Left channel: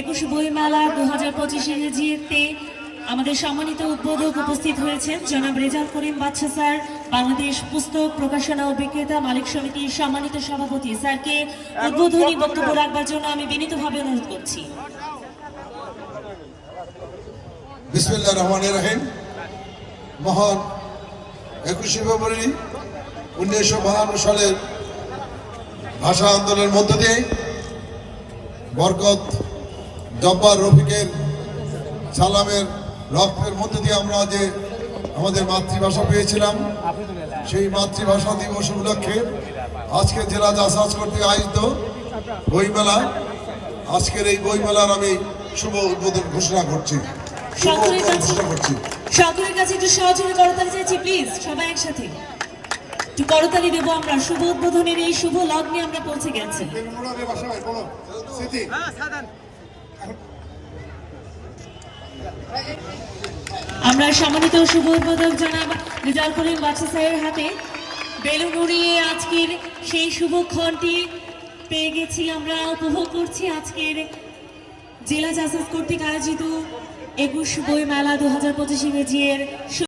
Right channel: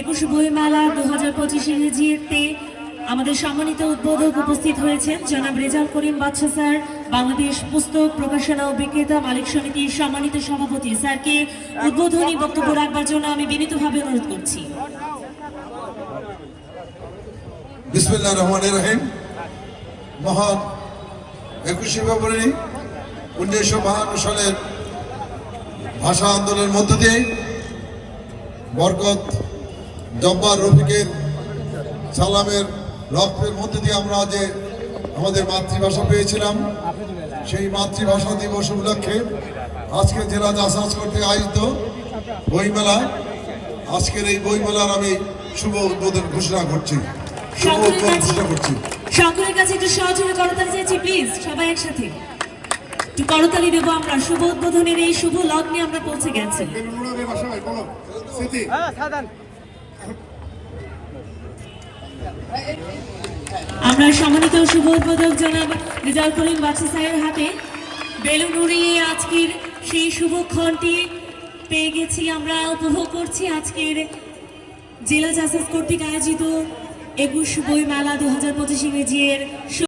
একুশ বই মেলা দু হাজার পঁচিশ ইংরেজিতে আমাদের সম্মানিত উদ্বোধক উপস্থিত হয়েছেন জনাব রেজাউল করিম বাদশা স্যার বাংলাদেশ পুস্তক প্রকাশনা ও বিক্রেতা মালিক সমিতির সম্মানিত সভাপতি। স্যারকে উদ্বোধনী বক্তব্য রাখবার জন্য আমি বিনীতভাবে অনুরোধ করছি। বিসমিল্লাহ রহমান রহিম। মহান একুশে ফেব্রুয়ারি উনিশশো বাহান্ন সালের ভাষা আন্দোলনের মধ্য দিয়ে বরকত জব্বার রফিকের সালামের রক্তের মধ্য দিয়ে আমরা যে আমাদের মাতৃভাষা পেয়েছিলাম সেই মাতৃভাষা দিবস উপলক্ষে আজকে জেলা জাসাজ করতে আয়োজিত বইমেলা। আজকের এই বইমেলার আমি শুভ উদ্বোধন ঘোষণা করছি। শুভ উদ্বোধন ঘোষণা করছি। সকলের কাছে একটু সহযোগী করতালি চাইছি প্লিজ সবাই একসাথে। একটু করতালি দেবো আমরা। শুভ উদ্বোধনের এই শুভ লগ্নে আমরা পৌঁছে গেছি। আমরা সম্মানিত শুভ উদ্বোধক জনাব রিজাল করিম বাচ্চা হাতে বেলুন উড়িয়ে আজকের সেই শুভক্ষণটি পেয়ে গেছি আমরা, উপভোগ করছি আজকের জেলা জাসাস কর্তৃক আয়োজিত একুশ বই মেলা দু হাজার পঁচিশ ইংরেজির